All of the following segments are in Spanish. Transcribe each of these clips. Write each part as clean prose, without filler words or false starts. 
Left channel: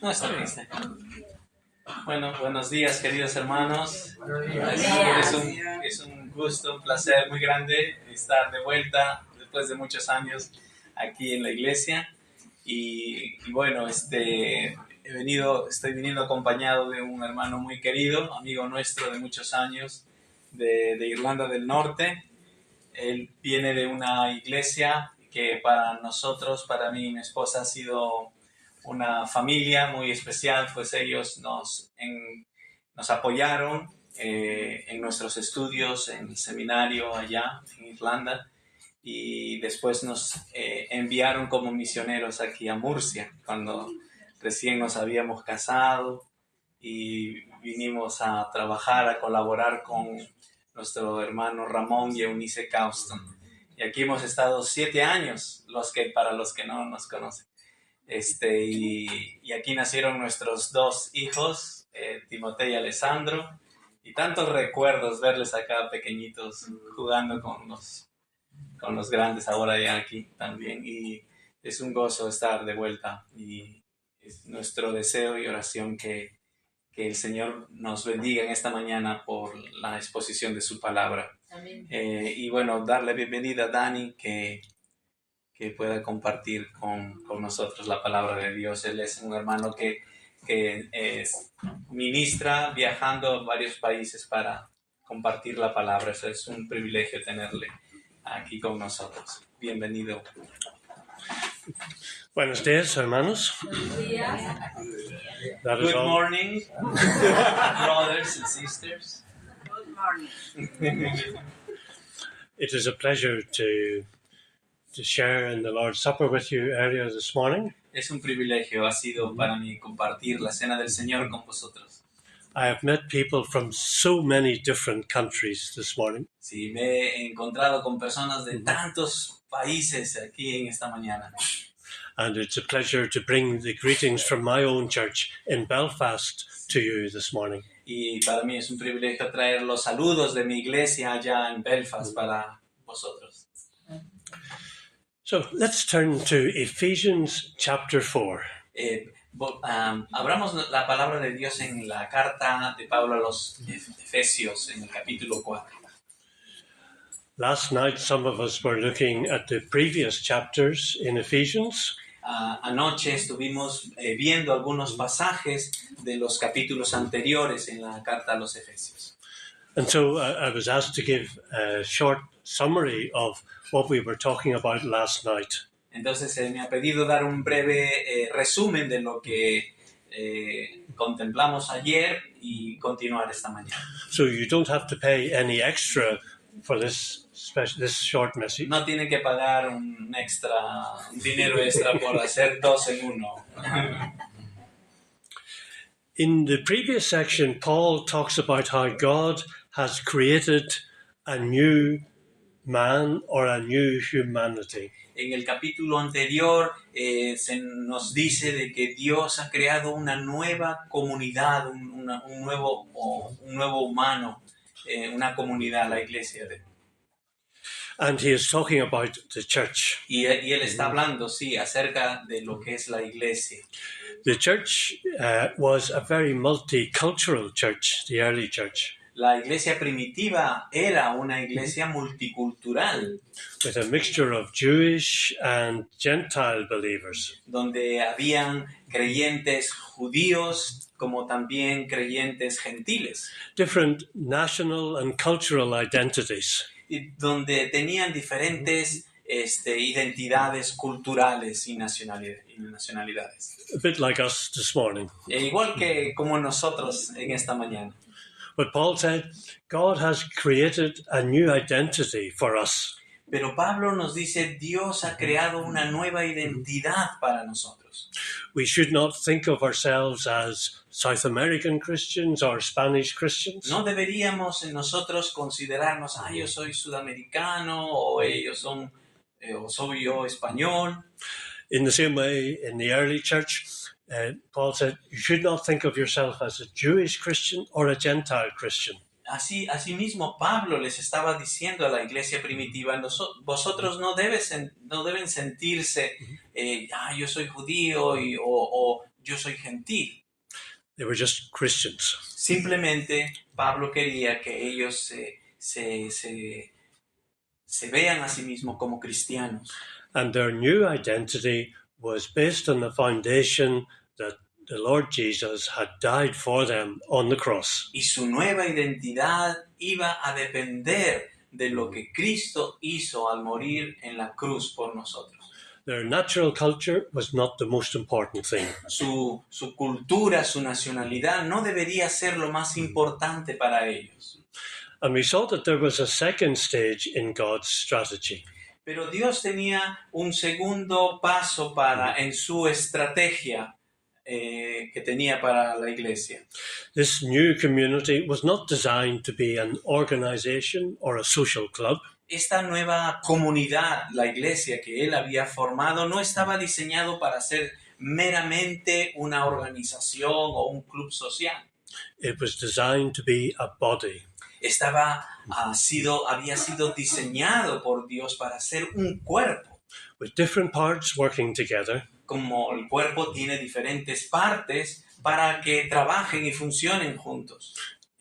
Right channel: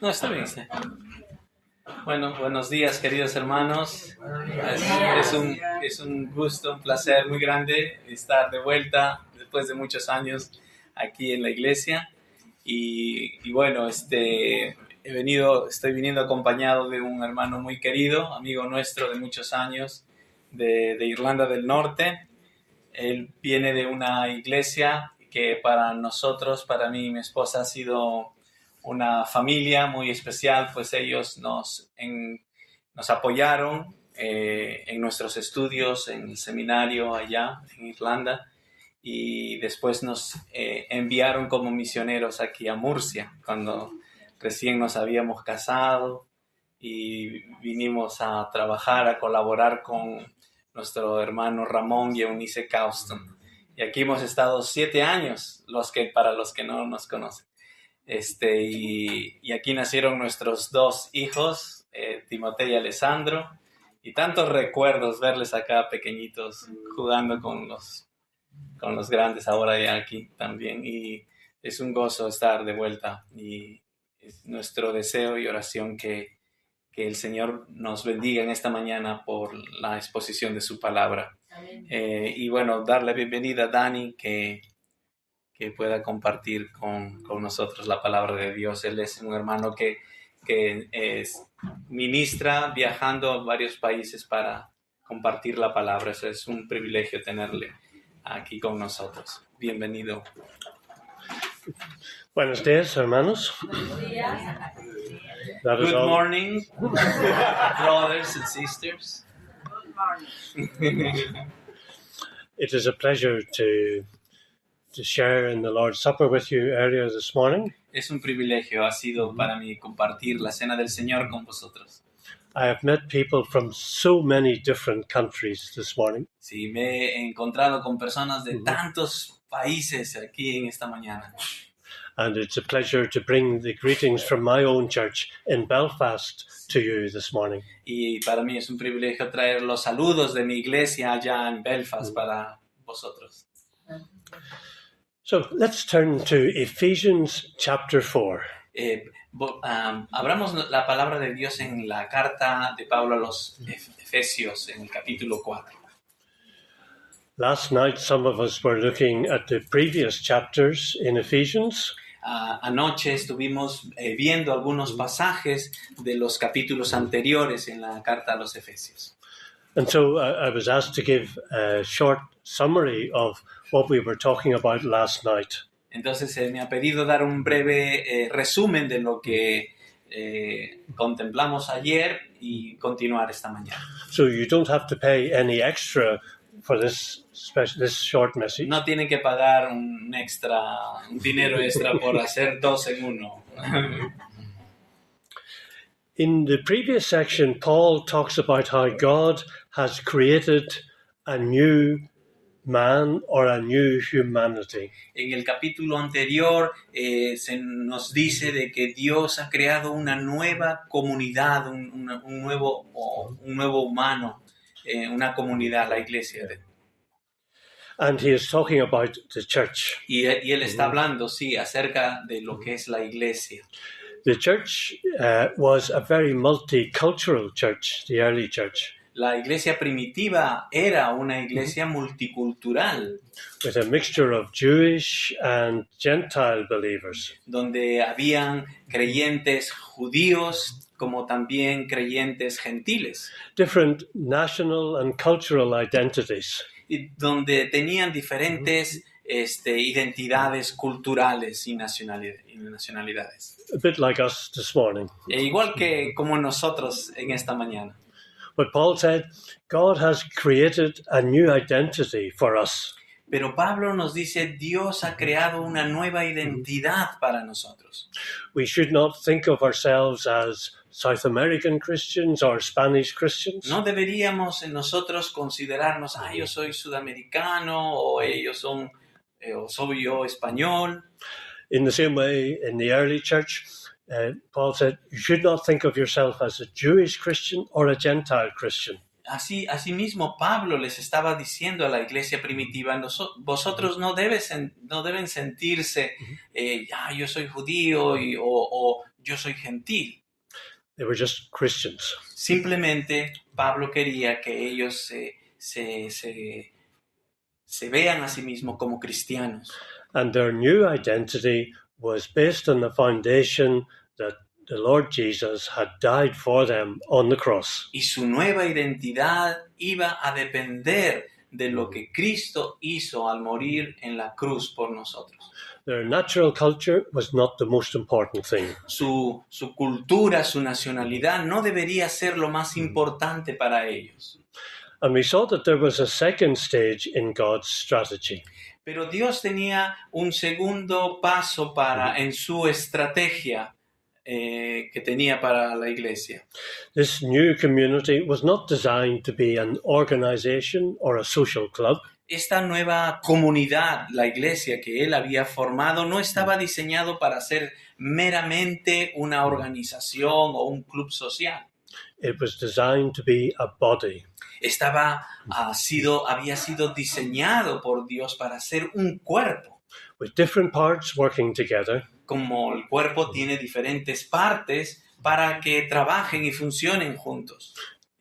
No, está bien. Bueno, buenos días, queridos hermanos. Es un gusto, un placer muy grande estar de vuelta después de muchos años aquí en la iglesia. Y bueno, estoy viniendo acompañado de un hermano muy querido, amigo nuestro de muchos años, de Irlanda del Norte. Él viene de una iglesia que para nosotros, para mí y mi esposa, ha sido una familia muy especial, pues ellos nos apoyaron en nuestros estudios en el seminario allá en Irlanda, y después nos enviaron como misioneros aquí a Murcia cuando recién nos habíamos casado, y vinimos a trabajar, a colaborar con nuestro hermano Ramón y Eunice Causton. Y aquí hemos estado 7 años, para los que no nos conocen. Y aquí nacieron nuestros 2 hijos, Timoteo y Alessandro, y tantos recuerdos verles acá pequeñitos jugando con los grandes ahora ya aquí también, y es un gozo estar de vuelta, y es nuestro deseo y oración que el Señor nos bendiga en esta mañana por la exposición de su palabra. Y bueno, darle bienvenida a Dani, que pueda compartir con nosotros la palabra de Dios. Él es un hermano que ministra viajando a varios países para compartir la palabra. Eso es un privilegio tenerle aquí con nosotros. Bienvenido. Buenos días, hermanos. Buenos días. Good morning, brothers and sisters. Good morning. It is a pleasure to share in the Lord's Supper with you earlier this morning. Es un privilegio, ha sido para mí compartir la cena del Señor con vosotros. I have met people from so many different countries this morning. Sí, me he encontrado con personas de tantos países aquí en esta mañana. And it's a pleasure to bring the greetings from my own church in Belfast to you this morning. Y para mí es un privilegio traer los saludos de mi iglesia allá en Belfast para vosotros. So let's turn to Ephesians chapter 4. Abramos la palabra de Dios en la carta de Pablo a los Efesios, en el capítulo 4. Last night, some of us were looking at the previous chapters in Ephesians. Anoche estuvimos viendo algunos pasajes de los capítulos anteriores en la carta a los Efesios. And so I was asked to give a short summary of what we were talking about last night. Entonces me ha pedido dar un breve resumen de lo que contemplamos ayer y continuar esta mañana. So you don't have to pay any extra for this short message. No tienen que pagar un dinero extra por hacer 2 en 1. In the previous section, Paul talks about how God has created a new man or a new humanity. En el capítulo anterior se nos dice de que Dios ha creado una nueva comunidad, un nuevo humano, una comunidad, la iglesia. And he is talking about the church. Y él está hablando, sí, acerca de lo que es la iglesia. The church was a very multicultural church, the early church. La iglesia primitiva era una iglesia multicultural. With a mixture of Jewish and Gentile believers. Donde habían creyentes judíos como también creyentes gentiles. Different national and cultural identities. Y donde tenían diferentes identidades culturales y nacionalidades. A bit like us this morning. Igual que como nosotros en esta mañana. But Paul said, God has created a new identity for us. Pero Pablo nos dice, Dios ha creado una nueva identidad para nosotros. We should not think of ourselves as South American Christians or Spanish Christians. No deberíamos nosotros considerarnos, yo soy sudamericano, o ellos son, o soy yo español. In the same way, in the early church, Paul said, you should not think of yourself as a Jewish Christian or a Gentile Christian. Así mismo Pablo les estaba diciendo a la iglesia primitiva, vosotros no deben sentirse, yo soy judío o yo soy gentil. They were just Christians. Simplemente Pablo quería que ellos se vean a sí mismos como cristianos. And their new identity was based on the foundation that the Lord Jesus had died for them on the cross. Y su nueva identidad iba a depender de lo que Cristo hizo al morir en la cruz por nosotros. Their natural culture was not the most important thing. Su cultura, su nacionalidad no debería ser lo más importante para ellos. And we saw that there was a second stage in God's strategy. Pero Dios tenía un segundo paso en su estrategia que tenía para la iglesia. This new community was not designed to be an organization or a social club. Esta nueva comunidad, la iglesia que él había formado, no estaba diseñado para ser meramente una organización o un club social. It was designed to be a body. Había sido diseñado por Dios para ser un cuerpo. With different parts working together. Como el cuerpo tiene diferentes partes para que trabajen y funcionen juntos.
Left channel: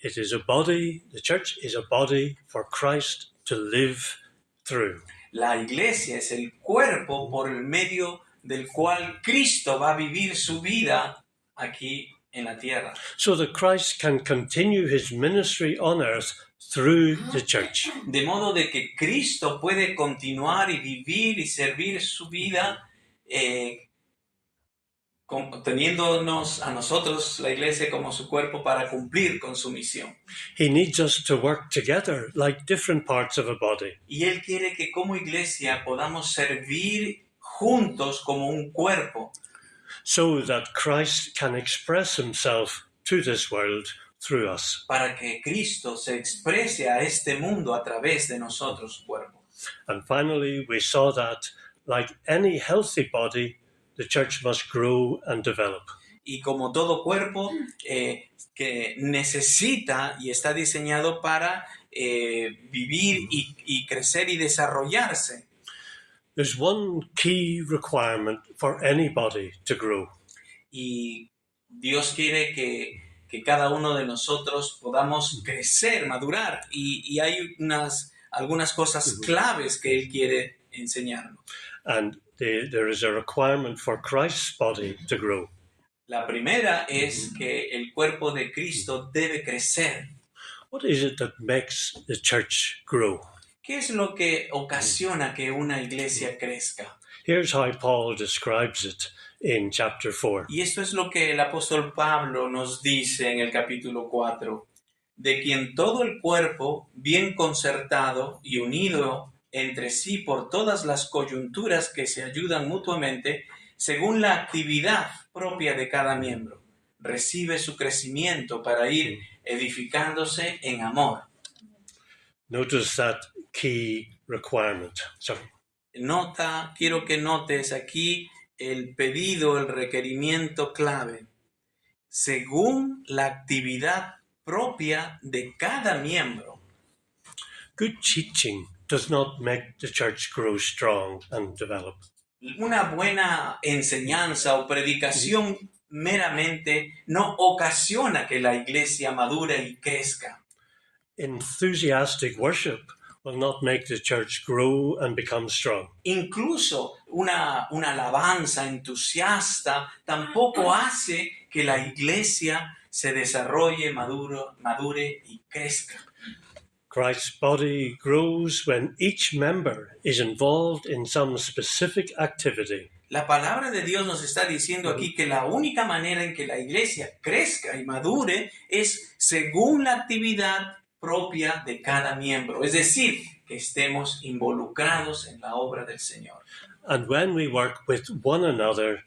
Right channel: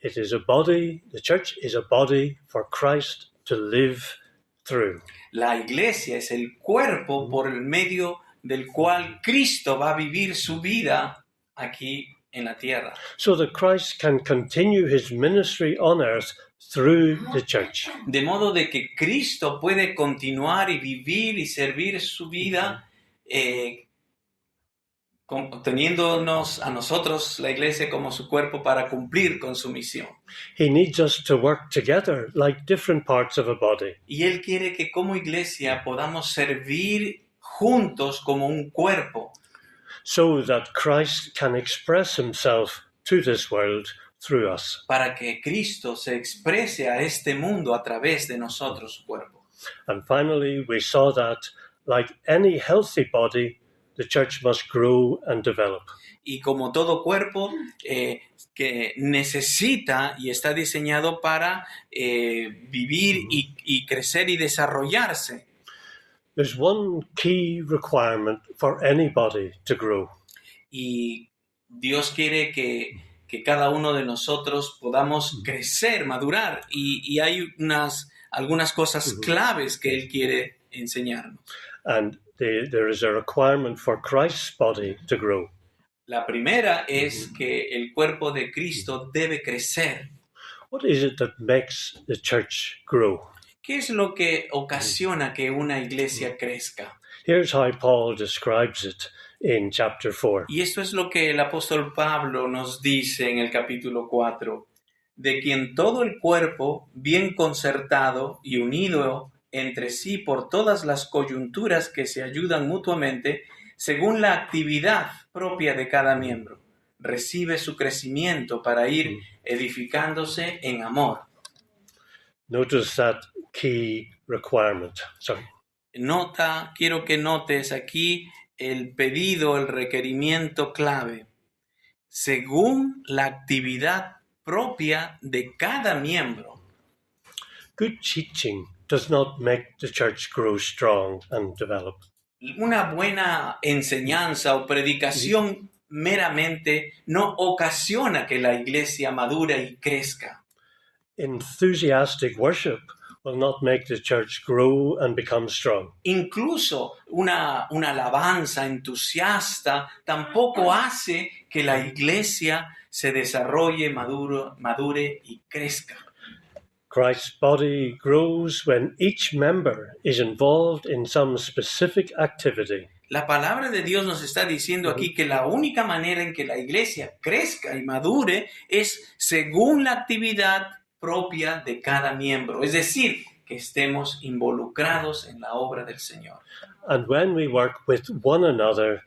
It is a body, the church is a body for Christ to live through. La iglesia es el cuerpo por el medio del cual Cristo va a vivir su vida aquí en la tierra. So that Christ can continue his ministry on earth through the church. De modo de que Cristo puede continuar y vivir y servir su vida teniéndonos a nosotros, la iglesia, como su cuerpo para cumplir con su misión. He needs us to work together like different parts of a body. Y Él quiere que como iglesia podamos servir juntos como un cuerpo. So that Christ can express himself to this world through us. Para que Cristo se exprese a este mundo a través de nosotros, su cuerpo. And finally, we saw that, like any healthy body, the church must grow and develop. Y como todo cuerpo que necesita y está diseñado para vivir y crecer y desarrollarse. There's one key requirement for any body to grow. Y Dios quiere que cada uno de nosotros podamos crecer, madurar. Y hay algunas cosas claves que Él quiere enseñarnos. And there is a requirement for Christ's body to grow. La primera es que el cuerpo de Cristo debe crecer. What is it that makes the church grow? ¿Qué es lo que ocasiona que una iglesia crezca? Here's how Paul describes it in chapter 4. Y esto es lo que el apóstol Pablo nos dice en el capítulo 4, de quien todo el cuerpo, bien concertado y unido entre sí por todas las coyunturas que se ayudan mutuamente, según la actividad propia de cada miembro, recibe su crecimiento para ir edificándose en amor. Notice that key requirement. Quiero que notes aquí el pedido, el requerimiento clave. Según la actividad propia de cada miembro. Good teaching does not make the church grow strong and develop. Una buena enseñanza o predicación meramente no ocasiona que la iglesia madure y crezca. Enthusiastic worship will not make the church grow and become strong. Incluso una alabanza entusiasta tampoco hace que la iglesia se desarrolle, madure y crezca. Christ's body grows when each member is involved in some specific activity. La palabra de Dios nos está diciendo aquí que la única manera en que la iglesia crezca y madure es según la actividad propia de cada miembro, es decir, que estemos involucrados en la obra del Señor. And when we work with one another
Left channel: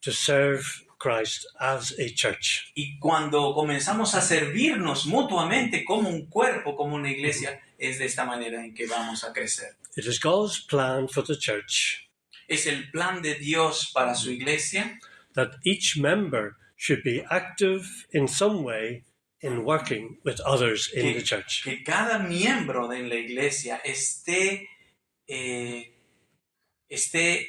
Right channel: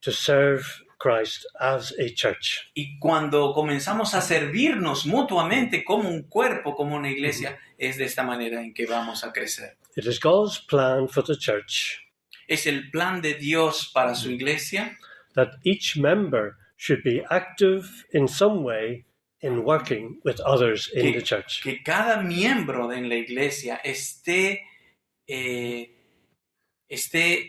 to serve Christ as a church. Y cuando comenzamos a servirnos mutuamente como un cuerpo, como una iglesia, es de esta manera en que vamos a crecer. It is God's plan for the church. Es el plan de Dios para su iglesia. That each member should be active in some way in working with others in the church. Que cada miembro de la iglesia esté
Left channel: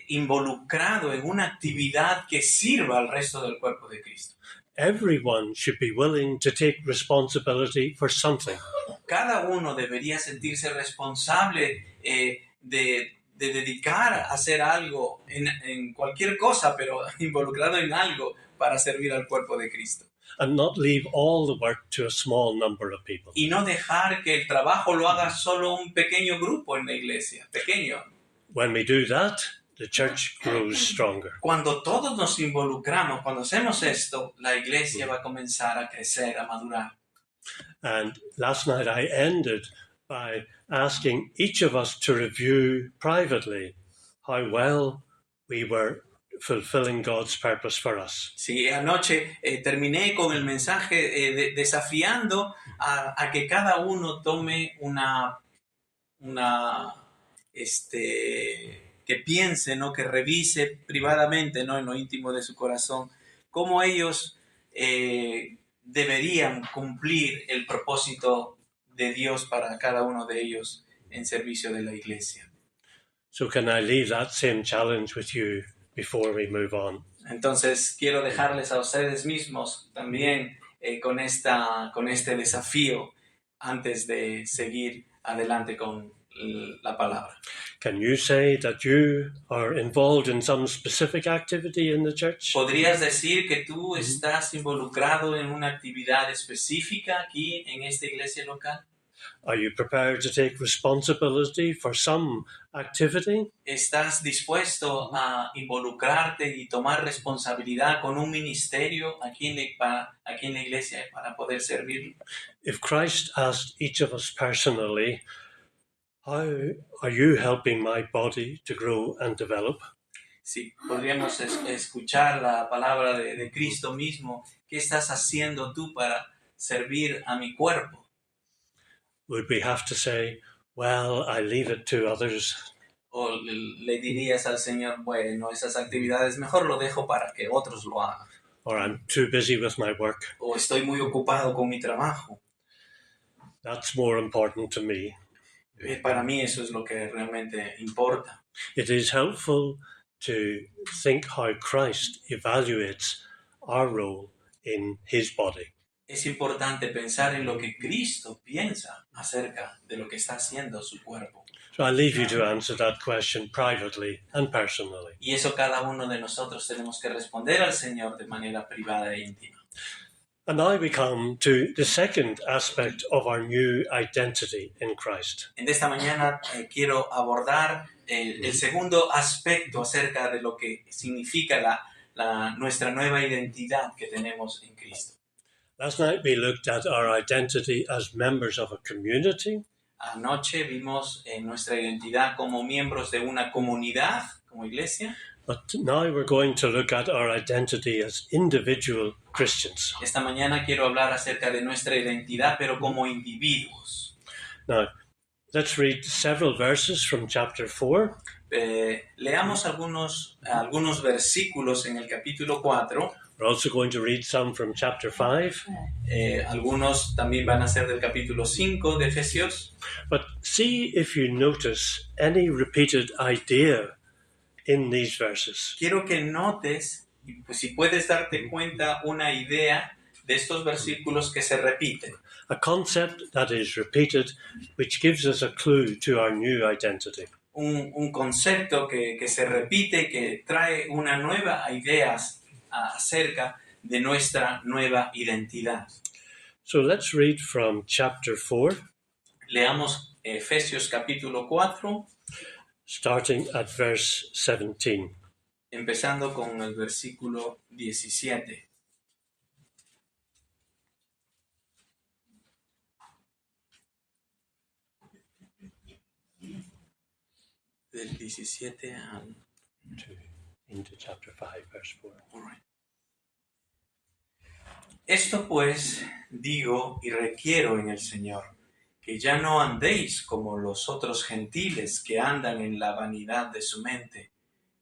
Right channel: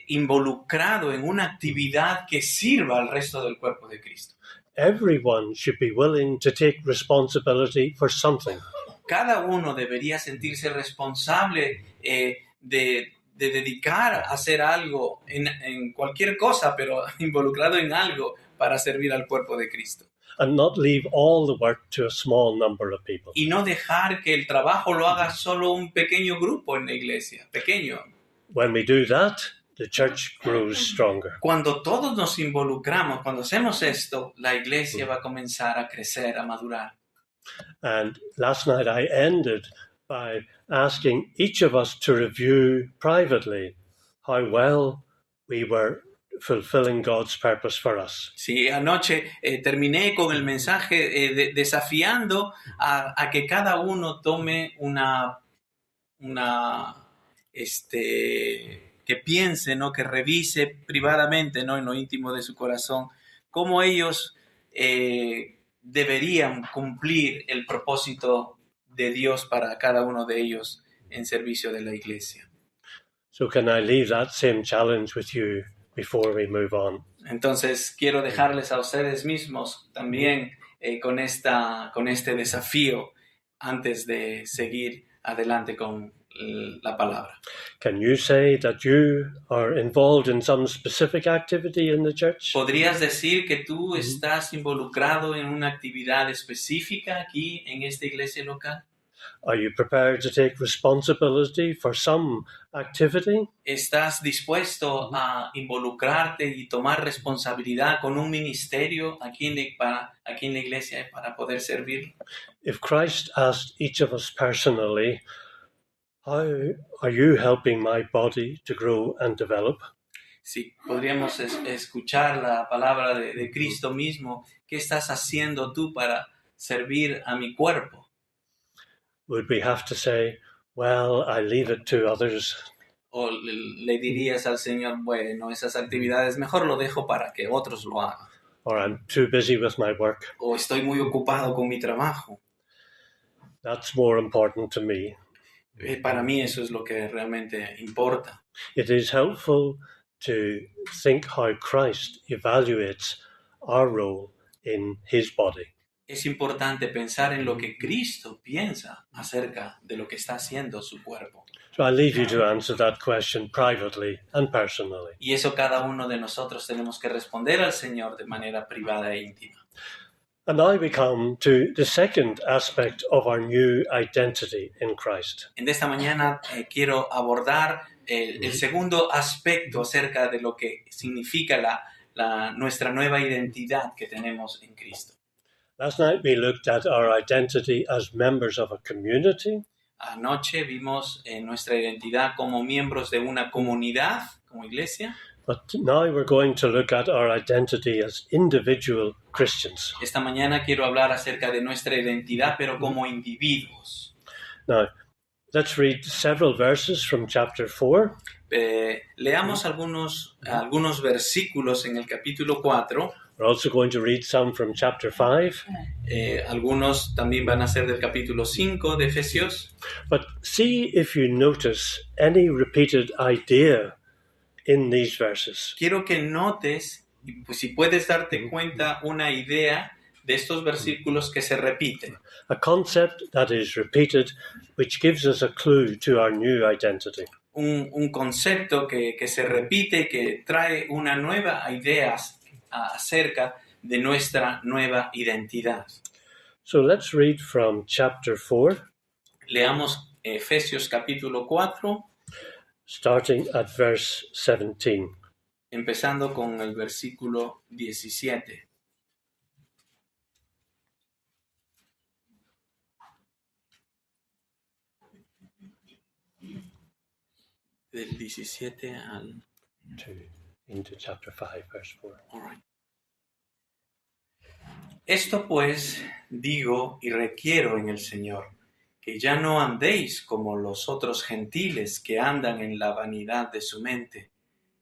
involucrado en una actividad que sirva al resto del cuerpo de Cristo. Everyone should be willing to take responsibility for something. Cada uno debería sentirse responsable de dedicar a hacer algo en cualquier cosa, pero involucrado en algo para servir al cuerpo de Cristo. And not leave all the work to a small number of people. Y no dejar que el trabajo lo haga solo un pequeño grupo en la iglesia, pequeño. When we do that, the church grows stronger. Cuando todos nos involucramos, cuando hacemos esto, la iglesia va a comenzar a crecer, a madurar. And last night I ended by asking each of us to review privately how well we were fulfilling God's purpose for us. Sí, anoche terminé con el mensaje desafiando a que cada uno tome que piense, ¿no? Que revise privadamente, ¿no? En lo íntimo de su corazón, cómo ellos deberían cumplir el propósito de Dios para cada uno de ellos en servicio de la iglesia. So can I leave that same challenge with you before we move on? Entonces quiero dejarles a ustedes mismos también con este desafío antes de seguir adelante con la palabra. Can you say that you are involved in some specific activity in the church? ¿Podrías decir que tú estás involucrado en una actividad específica aquí en esta iglesia local? Are you prepared to take responsibility for some activity? ¿Estás dispuesto a involucrarte y tomar responsabilidad con un ministerio aquí en la iglesia para poder servir? If Christ asked each of us personally, how are you helping my body to grow and develop? Sí, podríamos escuchar la palabra de Cristo mismo. ¿Qué estás haciendo tú para servir a mi cuerpo? Would we have to say, well, I leave it to others? O le dirías al Señor, bueno, esas actividades mejor lo dejo para que otros lo hagan. Or I'm too busy with my work? O estoy muy ocupado con mi trabajo. That's more important to me. Para mí eso es lo que realmente importa. It is helpful to think how Christ evaluates our role in his body. Es importante pensar en lo que Cristo piensa acerca de lo que está haciendo su cuerpo. So I leave you to answer that question privately and personally. Y eso cada uno de nosotros tenemos que responder al Señor de manera privada e íntima. And now we come to the second aspect of our new identity in Christ. En esta mañana quiero abordar el segundo aspecto acerca de lo que significa nuestra nueva identidad que tenemos en Cristo. Last night we looked at our identity as members of a community. Anoche vimos nuestra identidad como miembros de una comunidad, como iglesia. But now we're going to look at our identity as individual Christians. Esta mañana quiero hablar acerca de nuestra identidad, pero como individuos. Now, let's read several verses from chapter 4. Leamos algunos versículos en el capítulo 4. We're also going to read some from chapter 5. Algunos también van a ser del capítulo 5 de Efesios. But see if you notice any repeated idea in these verses. Quiero que notes, pues, si puedes darte cuenta, una idea de estos versículos que se repiten. A concept that is repeated, which gives us a clue to our new identity. Un concepto que se repite, que trae una nueva idea acerca de nuestra nueva identidad. So let's read from chapter 4. Leamos Efesios capítulo 4. Starting at verse 17. Empezando con el versículo 17. Del 17 al... Into chapter 5, verse 4. All right. Esto pues digo y requiero en el Señor, que ya no andéis como los otros gentiles que andan en la vanidad de su mente,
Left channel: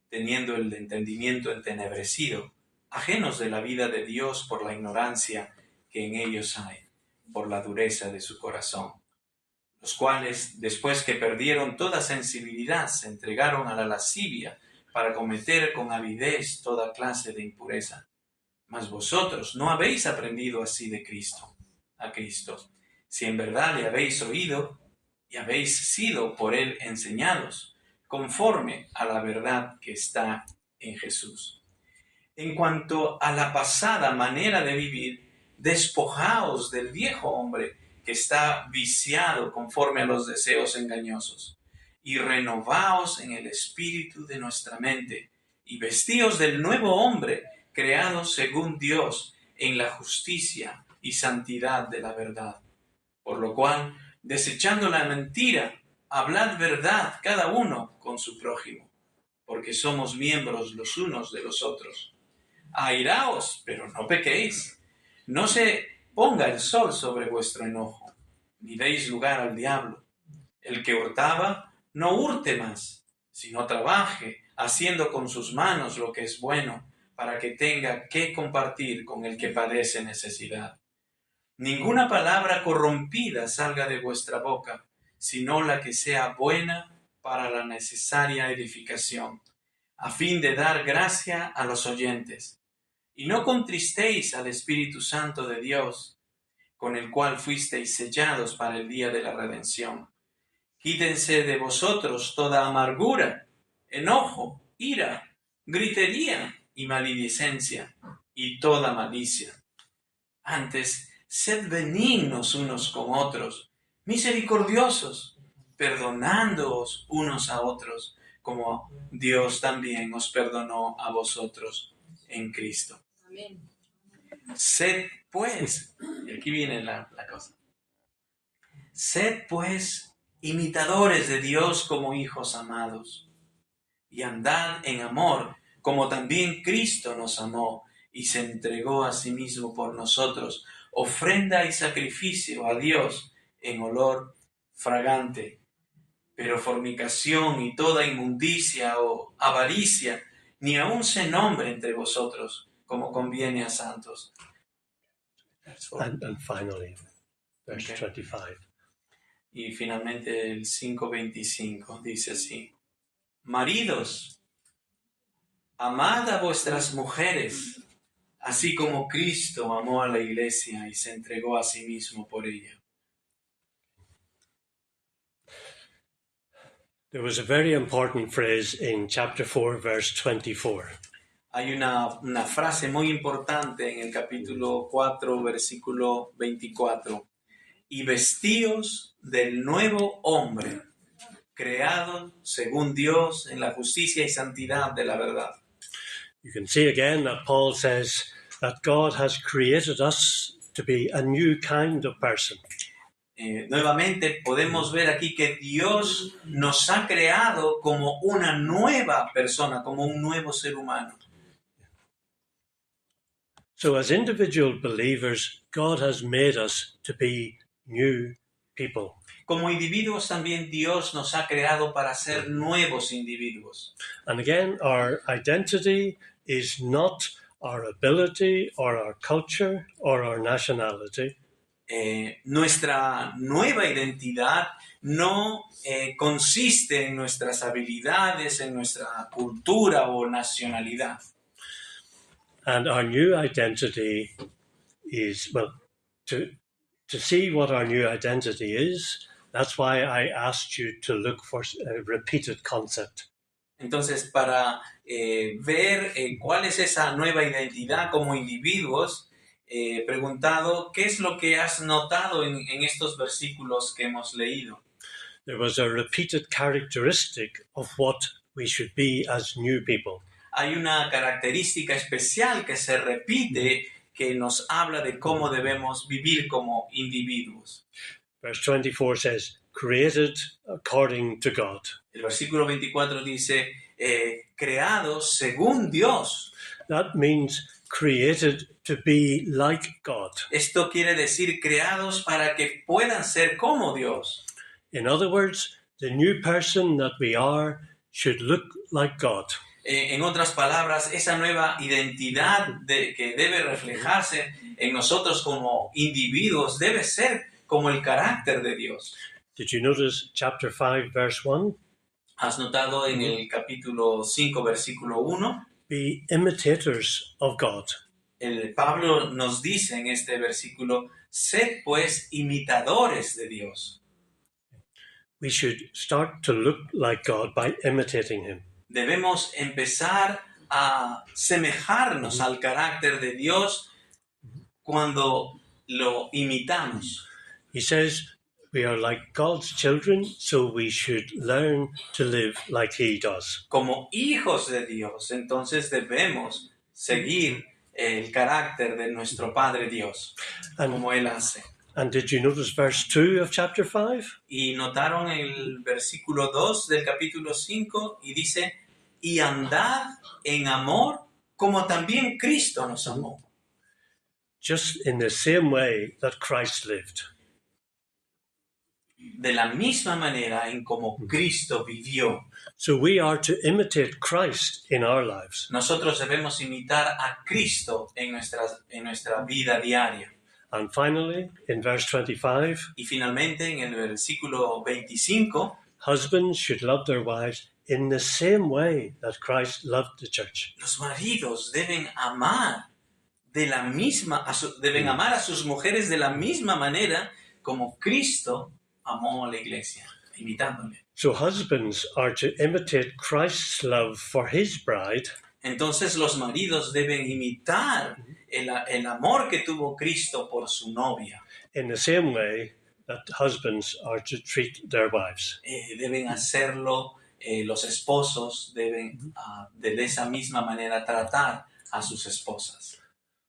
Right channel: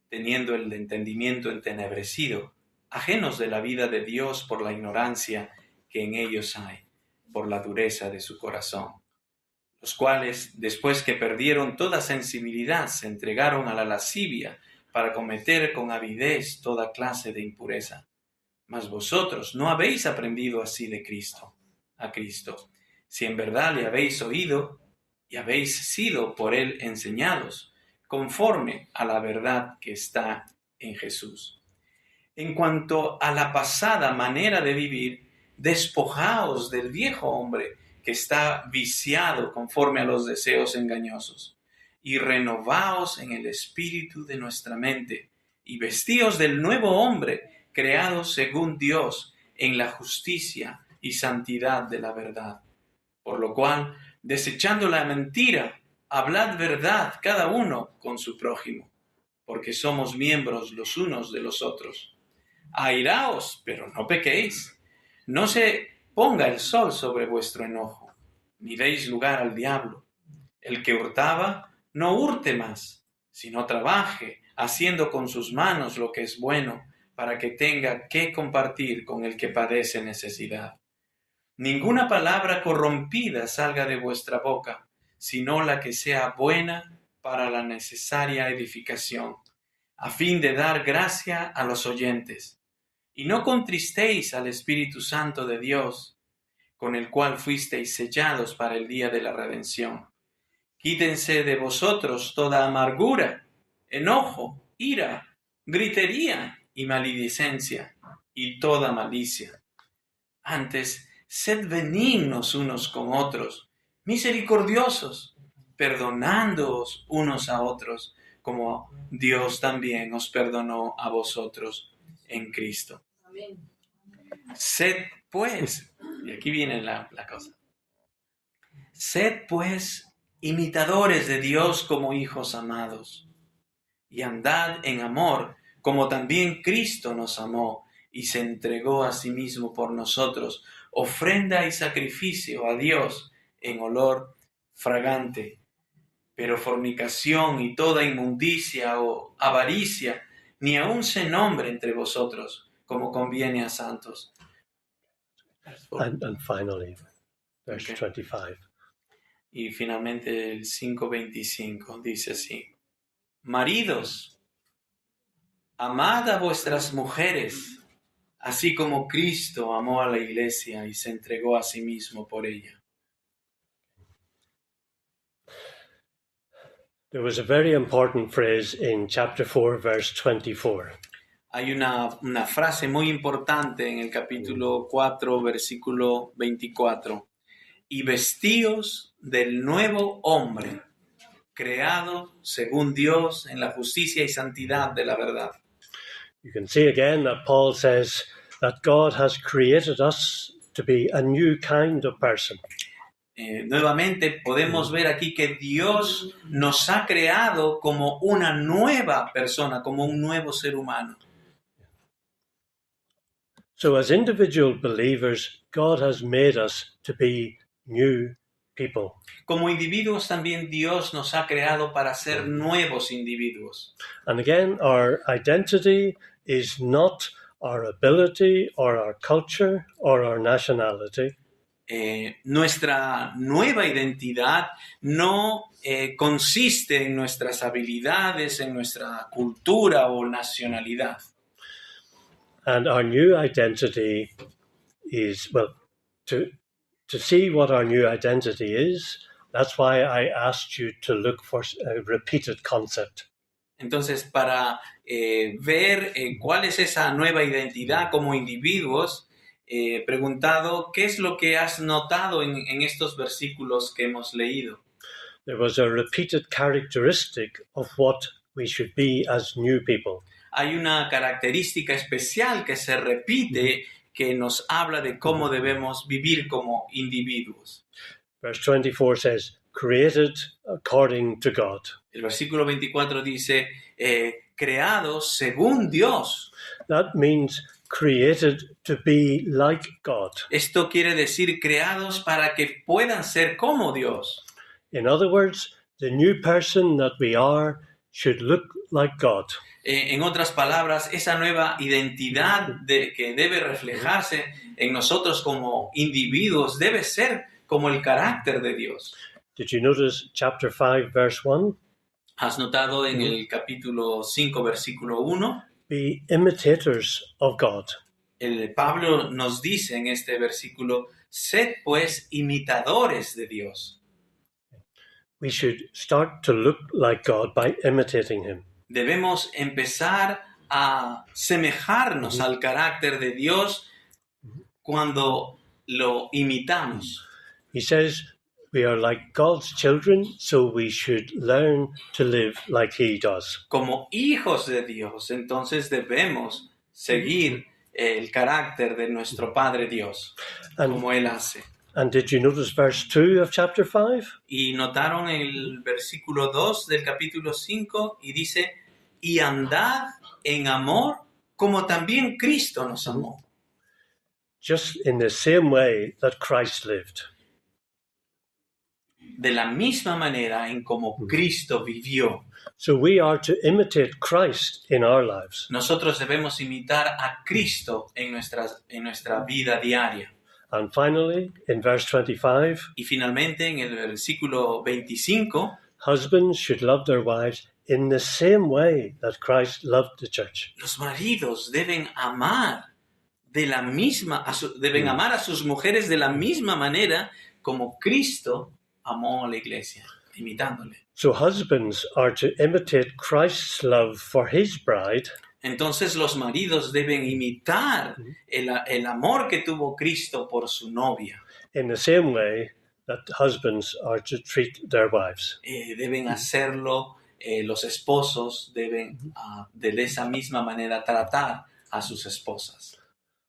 teniendo el entendimiento entenebrecido, ajenos de la vida de Dios por la ignorancia que en ellos hay, por la dureza de su corazón, los cuales, después que perdieron toda sensibilidad, se entregaron a la lascivia para cometer con avidez toda clase de impureza. Mas vosotros no habéis aprendido así de Cristo, a Cristo, si en verdad le habéis oído y habéis sido por él enseñados, conforme a la verdad que está en Jesús. En cuanto a la pasada manera de vivir, despojaos del viejo hombre que está viciado conforme a los deseos engañosos, y renovaos en el espíritu de nuestra mente, y vestíos del nuevo hombre, creado según Dios en la justicia y santidad de la verdad. Por lo cual, desechando la mentira, hablad verdad cada uno con su prójimo, porque somos miembros los unos de los otros. Airaos, pero no pequéis. No se ponga el sol sobre vuestro enojo, ni deis lugar al diablo. El que hurtaba, no hurte más, sino trabaje, haciendo con sus manos lo que es bueno, para que tenga que compartir con el que padece necesidad. Ninguna palabra corrompida salga de vuestra boca, sino la que sea buena para la necesaria edificación, a fin de dar gracia a los oyentes. Y no contristéis al Espíritu Santo de Dios, con el cual fuisteis sellados para el día de la redención. Quítense de vosotros toda amargura, enojo, ira, gritería y maledicencia, y toda malicia. Antes, sed benignos unos con otros, misericordiosos, perdonándoos unos a otros, como Dios también os perdonó a vosotros en Cristo. Amén. Sed pues, y aquí viene la cosa, sed pues imitadores de Dios como hijos amados, y andad en amor, como también Cristo nos amó y se entregó a sí mismo por nosotros, ofrenda y sacrificio a Dios en olor fragante. Pero fornicación y toda inmundicia o avaricia, ni aun se nombre entre vosotros, como conviene a santos. And finally, verse Okay. 25. Y finalmente el 5:25 dice así: Maridos, amad a vuestras mujeres, así como Cristo amó a la iglesia y se entregó a sí mismo por ella. There was a very important phrase in chapter 4, verse 24. Hay una frase muy importante en el capítulo 4, versículo 24. Y vestíos del nuevo hombre, creado según Dios en la justicia y santidad de la verdad. You can see again that Paul says that God has created us to be a new kind of person. Nuevamente podemos ver aquí que Dios nos ha creado como una nueva persona, como un nuevo ser humano. So as individual believers, God has made us to be new people. Como individuos también Dios nos ha creado para ser nuevos individuos. And again, our identity is not our ability or our culture or our nationality. Nuestra nueva identidad no consiste en nuestras habilidades, en nuestra cultura o nacionalidad. And our new identity is, well, to see what our new identity is, that's why I asked you to look for a repeated concept. Entonces, para ver cuál es esa nueva identidad como individuos, preguntado qué es lo que has notado en estos versículos que hemos leído. There was a repeated characteristic of what we should be as new people. Hay una característica especial que se repite que nos habla de cómo debemos vivir como individuos. Verse 24 says, created according to God. El versículo 24 dice, creados según Dios. That means created to be like God. Esto quiere decir creados para que puedan ser como Dios. In other words, the new person that we are should look like God. En otras palabras, esa nueva identidad que debe reflejarse en nosotros como individuos debe ser como el carácter de Dios. Did you notice chapter 5, verse 1? ¿Has notado en el capítulo 5, versículo 1? Be imitators of God. El Pablo nos dice en este versículo, sed pues imitadores de Dios. We should start to look like God by imitating him. Debemos empezar a semejarnos al carácter de Dios cuando lo imitamos. He says we are like God's children, so we should learn to live like he does. Como hijos de Dios, entonces debemos seguir el carácter de nuestro Padre Dios, como Él hace. And did you notice verse 2 of chapter 5? Y notaron el versículo 2 del capítulo 5 y dice, y andad en amor como también Cristo nos amó. Just in the same way that Christ lived. De la misma manera en como Cristo vivió. So we are to imitate Christ in our lives. Nosotros debemos imitar a Cristo en nuestra vida diaria. And finally, in verse 25, Y finalmente en el versículo 25, husbands should love their wives in the same way that Christ loved the church. los maridos deben amar deben amar a sus mujeres de la misma manera como Cristo amó a la iglesia, imitándole. So husbands are to imitate Christ's love for his bride Entonces los maridos deben imitar el amor que tuvo Cristo por su novia. in the same way that husbands are to treat their wives. Deben hacerlo, los esposos deben de esa misma manera tratar a sus esposas.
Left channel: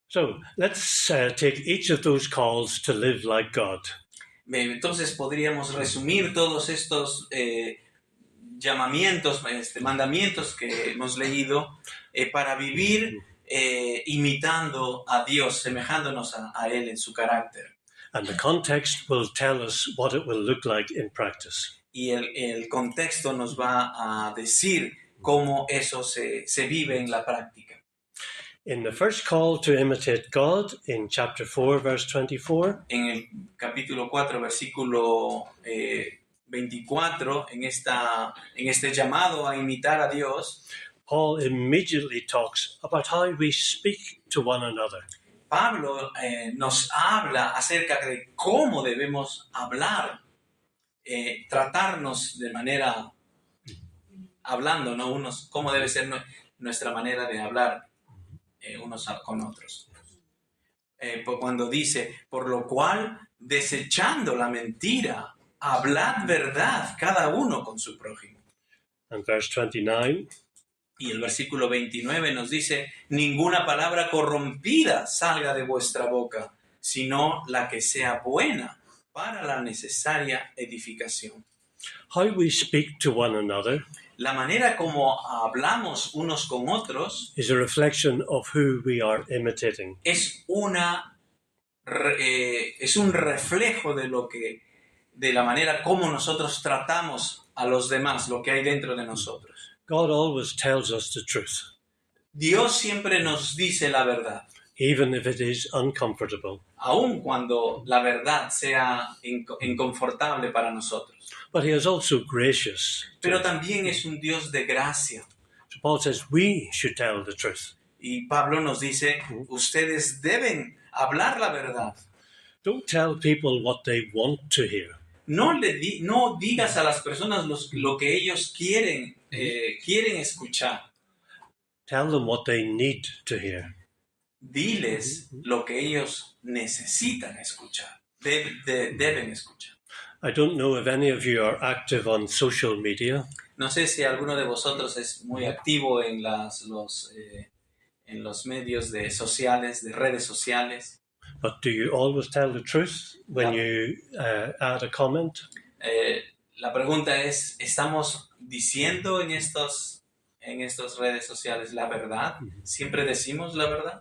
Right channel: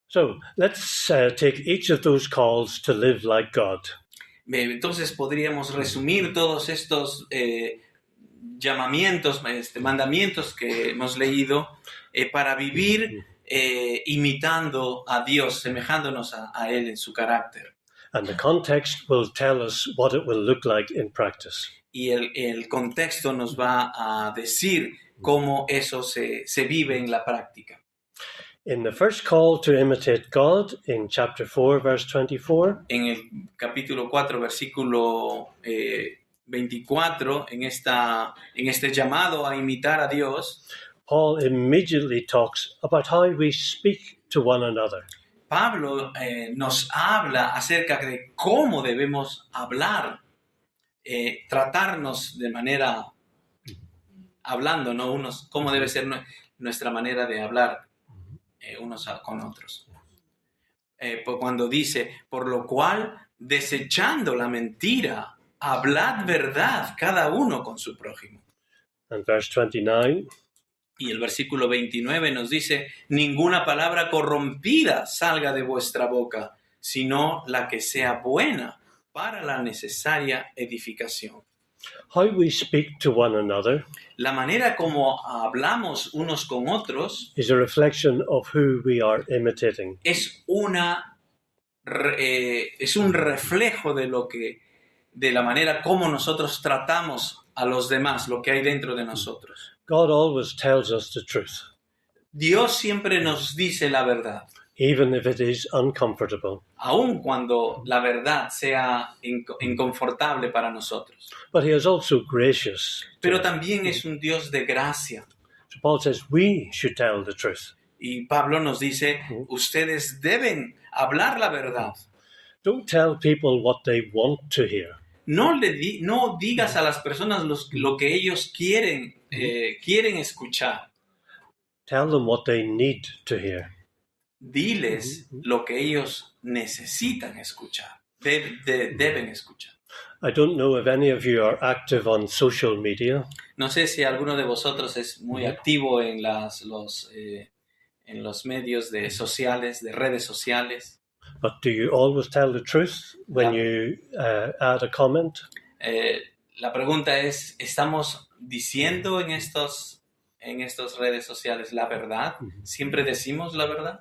So let's take each of those calls to live like God. Entonces podríamos resumir todos estos llamamientos, mandamientos que hemos leído para vivir imitando a Dios, semejándonos a Él en su carácter. And the context will tell us what it will look like in practice. Y el contexto nos va a decir cómo eso se vive en la práctica. In the first call to imitate God, in chapter 4, verse 24, En el capítulo 4, versículo 24, en este llamado a imitar a Dios, Paul immediately talks about how we speak to one another. Pablo nos habla acerca de cómo debemos hablar, tratarnos de manera, hablando, ¿no? Cómo debe ser nuestra manera de hablar unos con otros. Cuando dice, por lo cual, desechando la mentira, hablad verdad cada uno con su prójimo. And verse 29, Y el versículo 29 nos dice, ninguna palabra corrompida salga de vuestra boca, sino la que sea buena para la necesaria edificación. how we speak to one another La manera como hablamos unos con otros is a reflection of who we are imitating. es un reflejo de la manera como nosotros tratamos a los demás, lo que hay dentro de nosotros. God always tells us the truth, Dios siempre nos dice la verdad, even if it is uncomfortable. aun cuando la verdad sea inconfortable para nosotros. But he is also gracious. Pero también es un Dios de gracia. So Paul says we should tell the truth. Y Pablo nos dice, ustedes deben hablar la verdad. Don't tell people what they want to hear. No digas a las personas lo que ellos quieren escuchar. Tell them what they need to hear. Diles lo que ellos necesitan escuchar, deben escuchar. I don't know if any of you are active on social media, No sé si alguno de vosotros es muy activo en los medios sociales, de redes sociales. but do you always tell the truth when you add a comment? La pregunta es, ¿estamos diciendo en estas redes sociales la verdad? ¿Siempre decimos la verdad?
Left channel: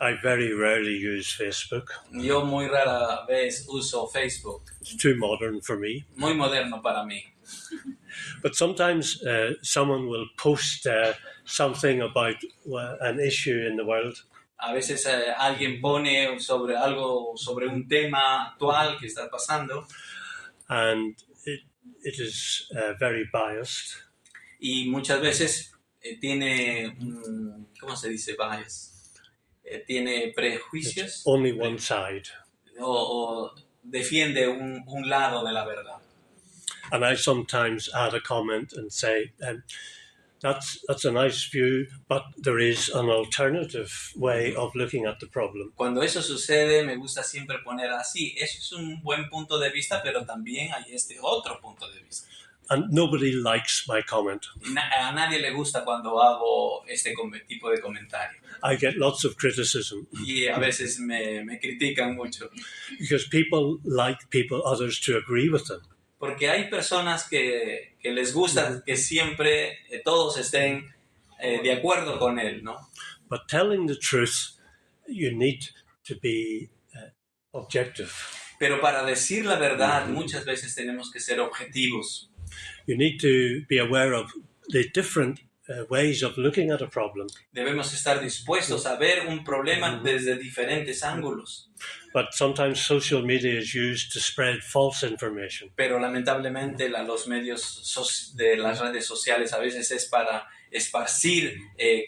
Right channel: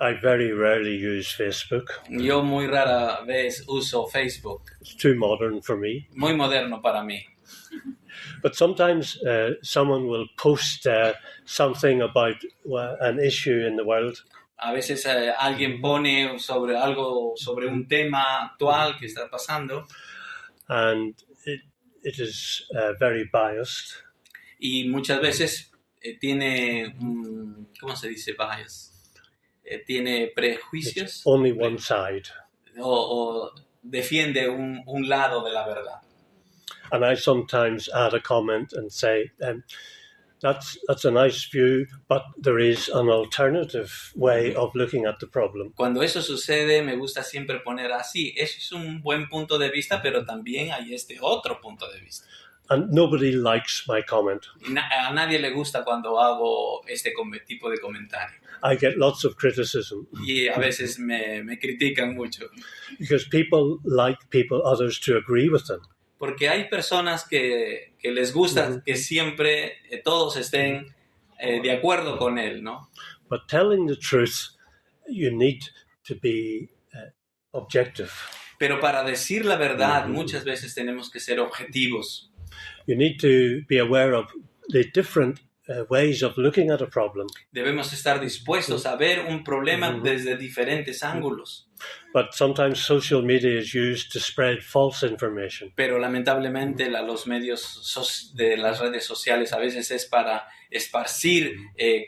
I very rarely use Facebook. Yo muy rara vez uso Facebook. It's too modern for me. Muy moderno para mí. But sometimes someone will post something about an issue in the world, A veces alguien pone sobre algo, sobre un tema actual que está pasando and it is very biased. y muchas veces tiene, ¿cómo se dice bias? Tiene It's prejuicios only one side. o defiende un lado de la verdad. And I sometimes add a comment and say, that's a nice view, but there is an alternative way of looking at the problem. Cuando eso sucede, me gusta siempre poner así, eso es un buen punto de vista, pero también hay este otro punto de vista. And nobody likes my comment. Y a nadie le gusta cuando hago este tipo de comentario. I get lots of criticism Y a veces me critican mucho. because people like others to agree with them. Porque hay personas que les gusta que siempre todos estén de acuerdo con él, ¿no? But telling the truth, you need to be objective. Pero para decir la verdad, muchas veces tenemos que ser objetivos. You need to be aware of the different ways of looking at a problem. Debemos estar dispuestos a ver un problema desde diferentes ángulos. But sometimes social media is used to spread false information. Pero lamentablemente los medios de las redes sociales a veces es para esparcir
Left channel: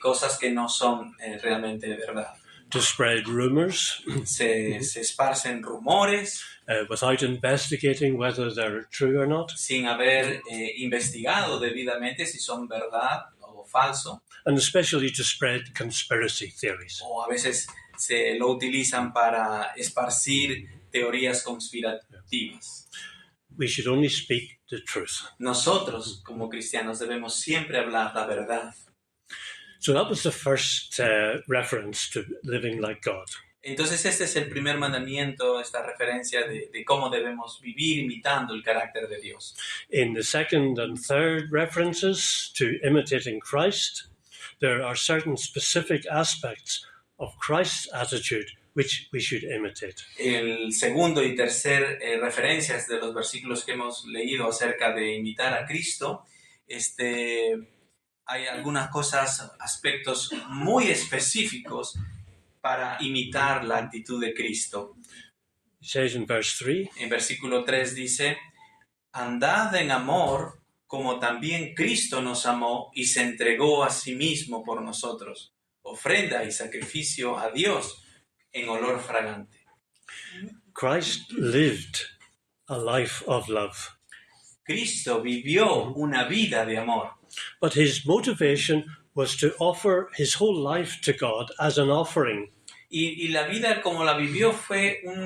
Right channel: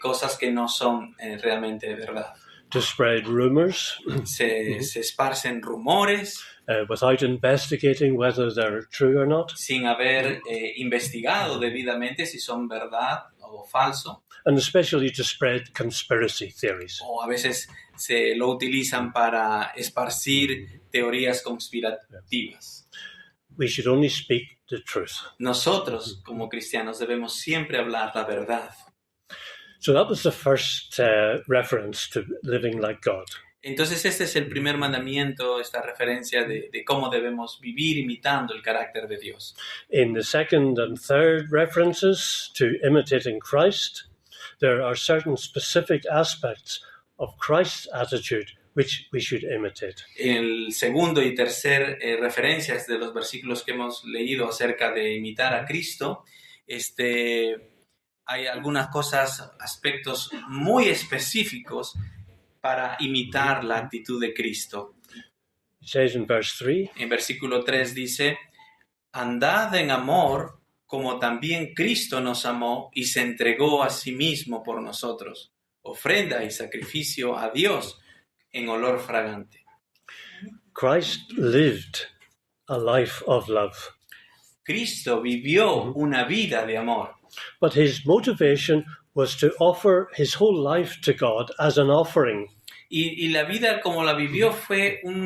cosas que no son realmente verdad. To spread rumors Se esparcen rumores without investigating whether they're true or not. sin haber investigado debidamente si son verdad o falso. And especially to spread conspiracy theories. O a veces se lo utilizan para esparcir teorías conspirativas. We should only speak the truth. Nosotros, como cristianos, debemos siempre hablar la verdad. So that was the first reference to living like God. Entonces este es el primer mandamiento, esta referencia de cómo debemos vivir imitando el carácter de Dios. In the second and third references to imitating Christ, there are certain specific aspects of Christ's attitude which we should imitate. El segundo y tercer referencias de los versículos que hemos leído acerca de imitar a Cristo, hay algunas cosas, aspectos muy específicos para imitar la actitud de Cristo. It says in verse 3, En versículo 3 dice, andad en amor como también Cristo nos amó y se entregó a sí mismo por nosotros, ofrenda y sacrificio a Dios en olor fragante. Christ lived a life of love, Cristo vivió una vida de amor, but his motivation was to offer his whole life to God as an offering. y la vida como la vivió fue como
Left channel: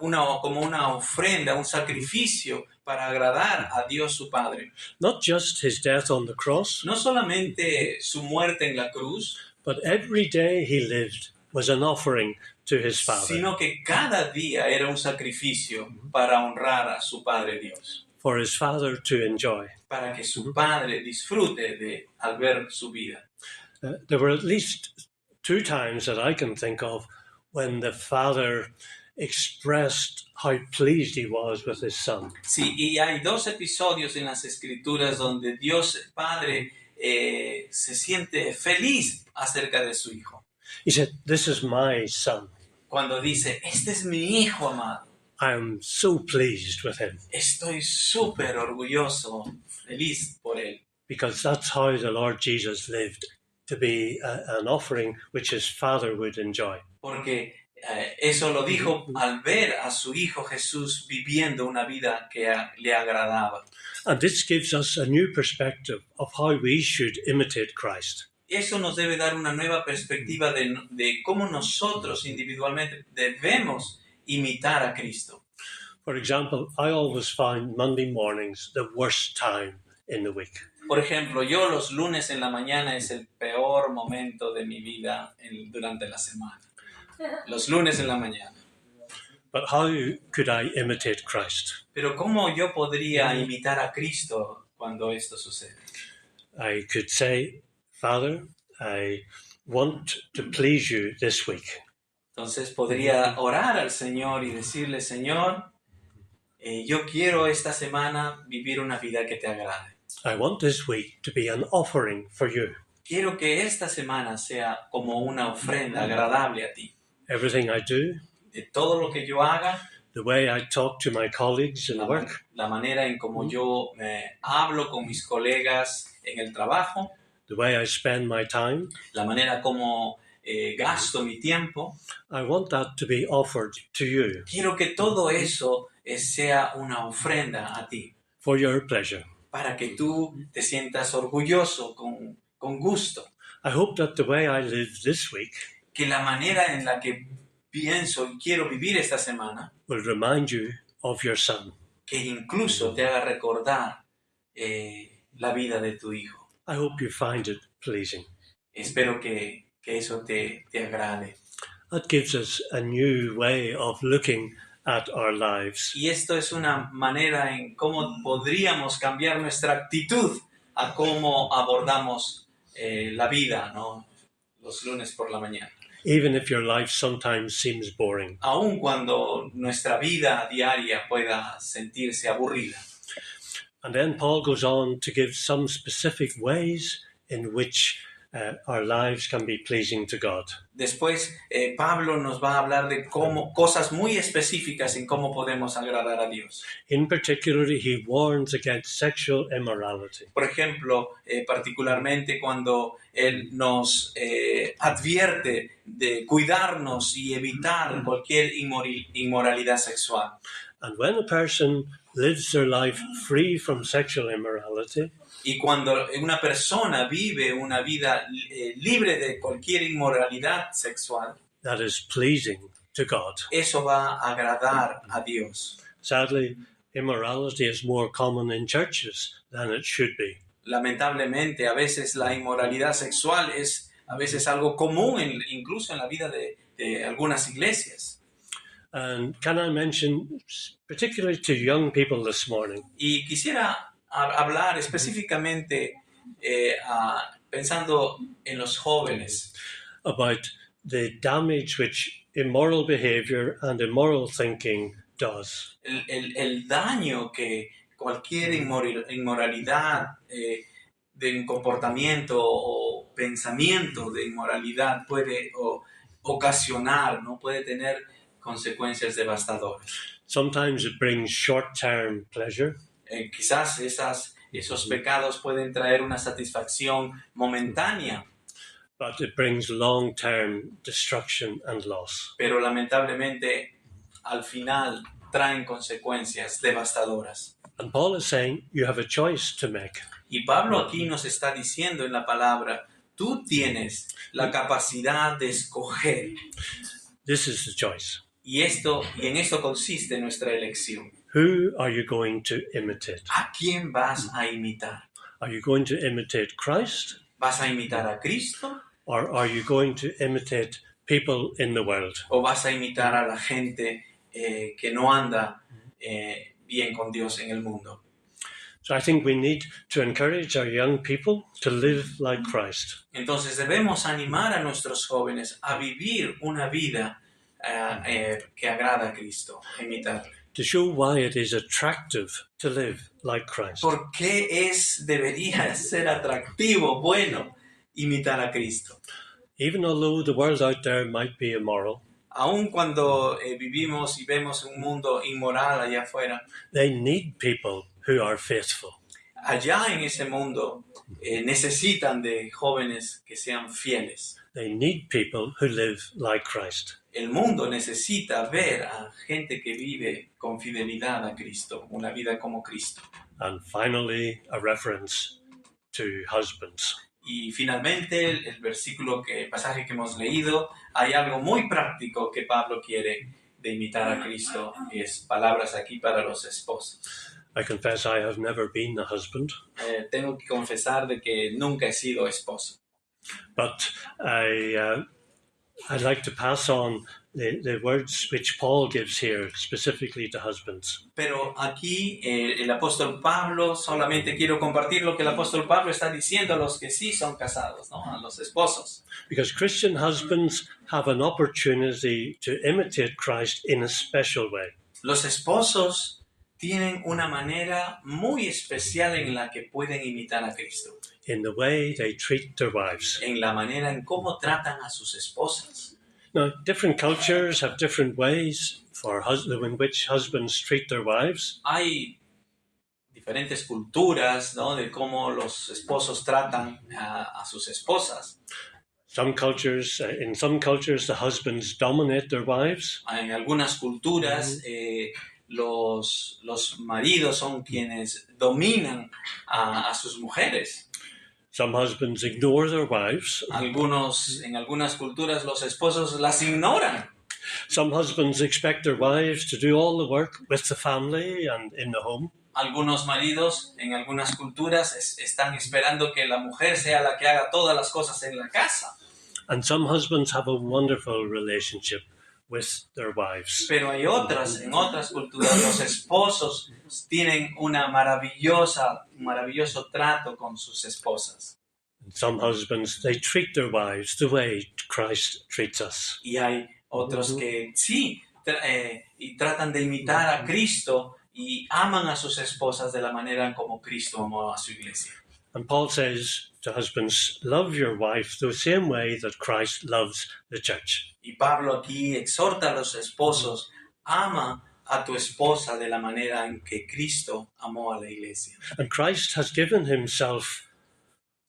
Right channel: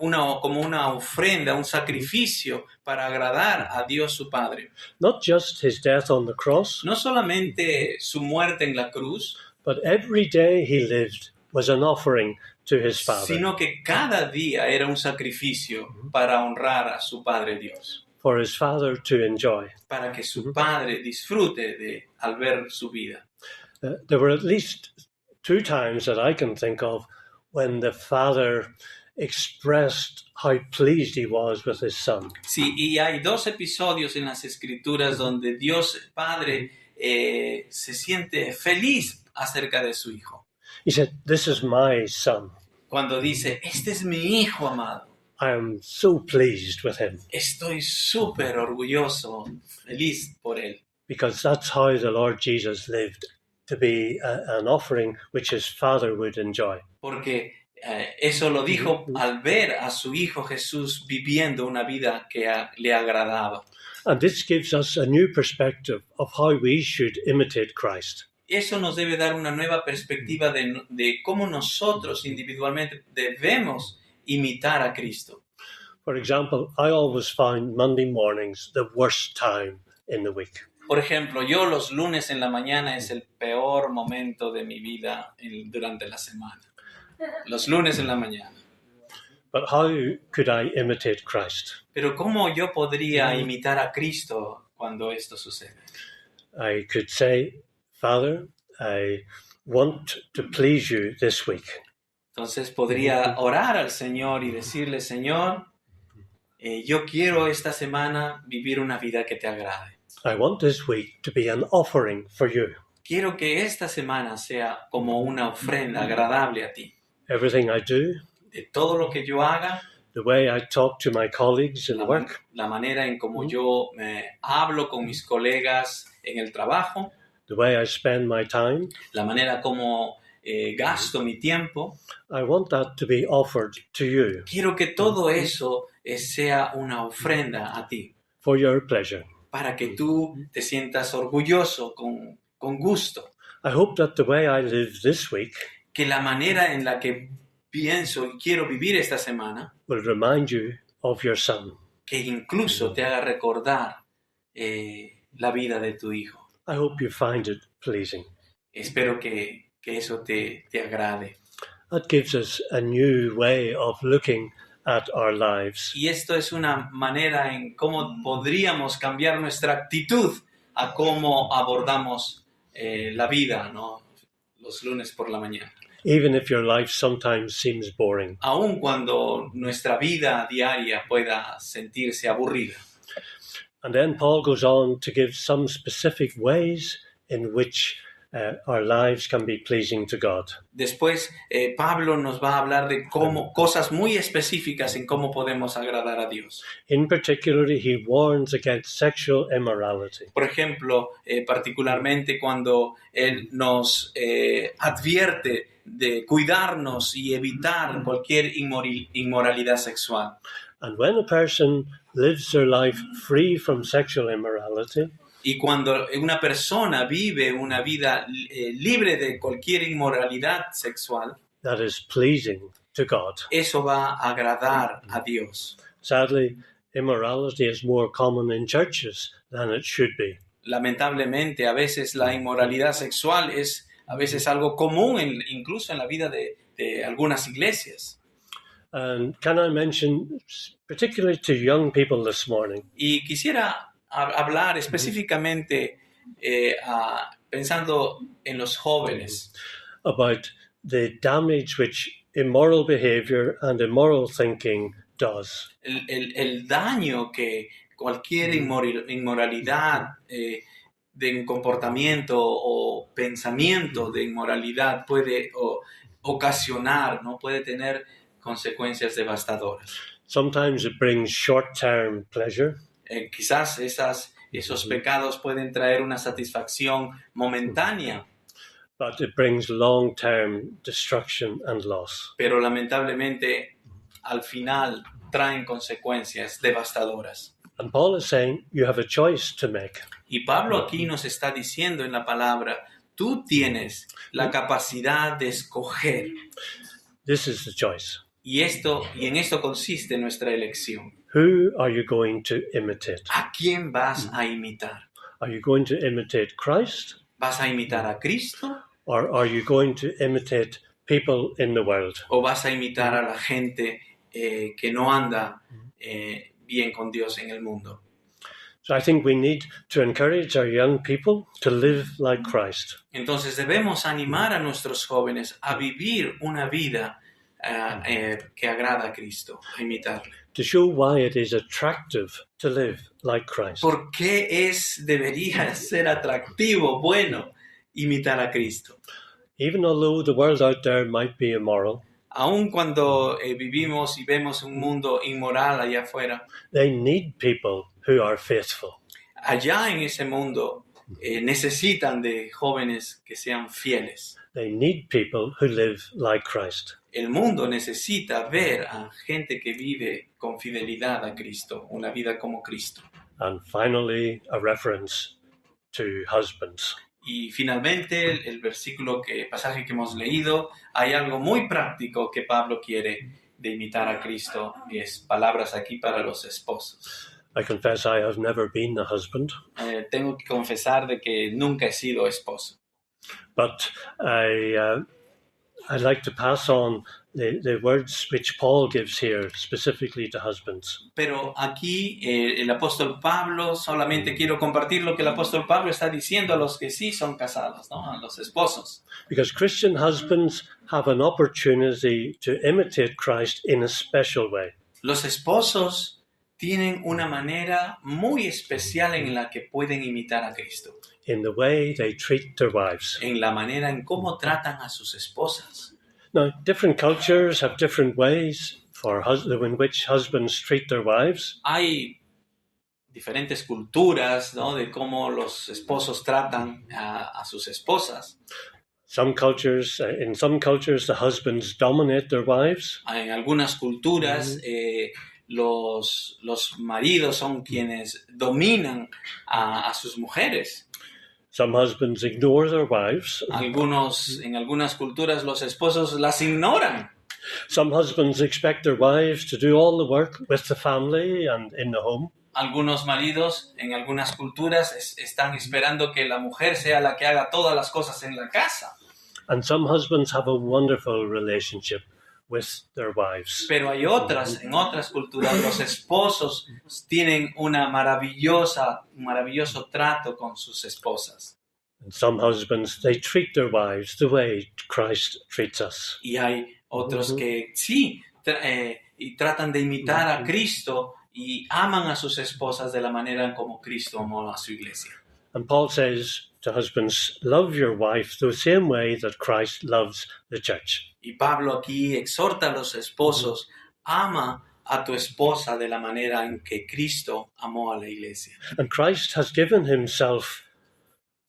una ofrenda, un sacrificio para agradar a Dios su Padre. Not just his death on the cross, No solamente su muerte en la cruz, but every day he lived was an offering to his Father, sino que cada día era un sacrificio para honrar a su Padre Dios, for his Father to enjoy. para que su Padre disfrute al ver su vida. There were at least 2 times that I can think of when the Father expressed how pleased he was with his Son. Sí, y hay 2 episodios en las Escrituras donde Dios Padre se siente feliz acerca de su Hijo. He said, "This is my Son. Cuando dice, este es mi Hijo amado, I am so pleased with him," estoy súper orgulloso, feliz por él. because that's how the Lord Jesus lived, to be an offering which his Father would enjoy. Porque eso lo dijo al ver a su Hijo Jesús viviendo una vida que le agradaba. And this gives us a new perspective of how we should imitate Christ. Eso nos debe dar una nueva perspectiva de cómo nosotros individualmente debemos imitar a Cristo. For example, I always find Monday mornings the worst time in the week. Por ejemplo, yo los lunes en la mañana es el peor momento de mi vida durante la semana. Los lunes en la mañana. But how could I imitate Christ? Pero ¿cómo yo podría imitar a Cristo cuando esto sucede? I could say, Father, I want to please you this week. Entonces podría orar al Señor y decirle, Señor, yo quiero esta semana vivir una vida que te agrade. I want this week to be an offering for you. Quiero que esta semana sea como una ofrenda agradable a ti. Everything I do, De todo lo que yo haga, the way I talk to my colleagues in work, la manera en como yo hablo con mis colegas en el trabajo, the way I spend my time, la manera como gasto mi tiempo, I want that to be offered to you quiero que todo eso sea una ofrenda a ti, for your pleasure. para que tú te sientas orgulloso, con gusto. I hope that the way I live this week Que la manera en la que pienso y quiero vivir esta semana, will remind you of your son. que incluso te haga recordar la vida de tu hijo. I hope you find it pleasing. Espero que eso te agrade. That gives us a new way of looking at our lives. Y esto es una manera en cómo podríamos cambiar nuestra actitud a cómo abordamos la vida, ¿no? Los lunes por la mañana. Even if your life sometimes seems boring. Aun cuando nuestra vida diaria pueda sentirse aburrida. And then Paul goes on to give some specific ways in which our lives can be pleasing to God. Después, Pablo nos va a hablar de cosas muy específicas en cómo podemos agradar a Dios. In particular, he warns against sexual immorality. Por ejemplo, particularmente cuando él nos advierte de cuidarnos y evitar cualquier inmoralidad sexual. And when a person lives their life free from sexual immorality, Y cuando una persona vive una vida libre de cualquier inmoralidad sexual, that is pleasing to God. eso va a agradar a Dios. Sadly, immorality is more common in churches than it should be. Lamentablemente, a veces la inmoralidad sexual es a veces algo común, incluso en la vida de algunas iglesias. And can I mention, particularly to young people this morning, Y quisiera hablar específicamente pensando en los jóvenes, about the damage which immoral behavior and immoral thinking does. el daño que cualquier inmoralidad de un comportamiento o pensamiento de inmoralidad puede ocasionar, ¿no? Puede tener consecuencias devastadoras. Sometimes it brings short-term pleasure, Quizás esos pecados pueden traer una satisfacción momentánea, but it brings long-term destruction and loss. pero lamentablemente al final traen consecuencias devastadoras. And Paul is saying you have a choice to make. Y Pablo aquí nos está diciendo en la palabra, tú tienes la capacidad de escoger. This is the choice. Y en esto consiste nuestra elección. Who are you going to imitate? ¿A quién vas a imitar? Are you going to imitate Christ, ¿Vas a imitar a Cristo or are you going to imitate people in the world? o vas a imitar a la gente que no anda bien con Dios en el mundo? So I think we need to encourage our young people to live like Christ. Entonces debemos animar a nuestros jóvenes a vivir una vida que agrada a Cristo, a imitarle. To show why it is attractive to live like Christ. ¿Por qué debería ser atractivo, bueno, imitar a Cristo? Even although the world out there might be immoral, Aun cuando vivimos y vemos un mundo inmoral allá afuera, they need people who are faithful. allá en ese mundo necesitan de jóvenes que sean fieles. They need people who live like Christ. El mundo necesita ver a gente que vive con fidelidad a Cristo, una vida como Cristo. And finally, a reference to husbands. Y finalmente, el pasaje que hemos leído, hay algo muy práctico que Pablo quiere de imitar a Cristo, y es palabras aquí para los esposos. I confess I have never been a husband, Tengo que confesar de que nunca he sido esposo. but I'd like to pass on the words which Paul gives here specifically to husbands. Pero aquí el apóstol Pablo, solamente quiero compartir lo que el apóstol Pablo está diciendo a los que sí son casados, ¿no? A los esposos. Because Christian husbands have an opportunity to imitate Christ in a special way. Los esposos tienen una manera muy especial en la que pueden imitar a Cristo, in the way they treat their wives. en la manera en cómo tratan a sus esposas. Now, different cultures have different ways in which husbands treat their wives. Hay diferentes culturas, ¿no?, de cómo los esposos tratan a sus esposas. In some cultures, the husbands dominate their wives. En algunas culturas, los maridos son quienes dominan a sus mujeres. Some husbands ignore their wives. En algunas culturas los esposos las ignoran. Some husbands expect their wives to do all the work with the family and in the home. Algunos maridos en algunas culturas están esperando que la mujer sea la que haga todas las cosas en la casa. And some husbands have a wonderful relationship with their wives. Pero hay en otras culturas, los esposos tienen un maravilloso trato con sus esposas. And some husbands, they treat their wives the way Christ treats us. Y hay otros que sí, y tratan de imitar a Cristo y aman a sus esposas de la manera en como Cristo amó a su iglesia. And Paul says to husbands, love your wife the same way that Christ loves the church. Y Pablo aquí exhorta a los esposos, ama a tu esposa de la manera en que Cristo amó a la iglesia. And Christ has given himself